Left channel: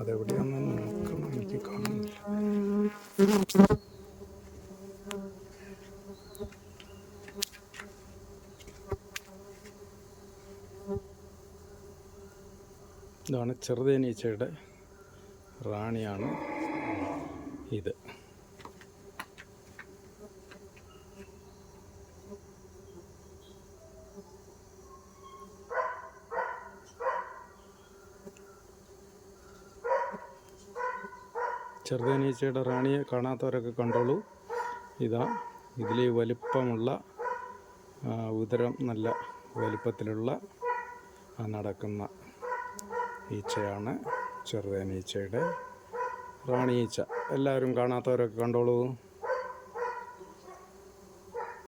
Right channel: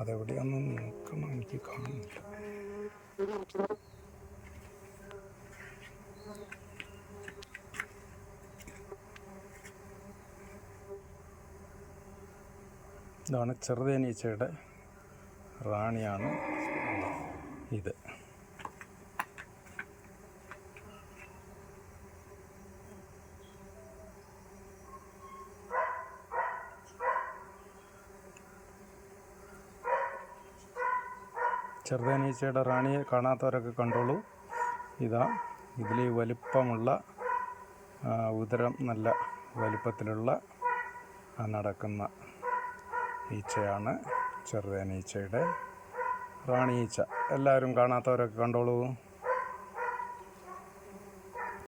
അതെവിടെയാണെന്ന് നോക്കണം, എനിക്ക് കാണുന്നില്ല. ഇതാണ് ചെറുതേനീച്ചയുടെ റാണിയാണ് ഇത്. ചെറുതേനീച്ചയുടെ റാണിയെ കാണാത്തവരൊക്കെ കണ്ടോളൂ. ഇതാ, ഇതിൽ വലിപ്പമുള്ള ഉദരം നല്ല വലിപ്പത്തിലുള്ള നടക്കുന്ന ഈച്ചയാണ് ചെറുതേനീച്ചയുടെ റാണി ഈച്ച. എല്ലാവരും കാണാത്തവരൊക്കെ കണ്ടോളൂ.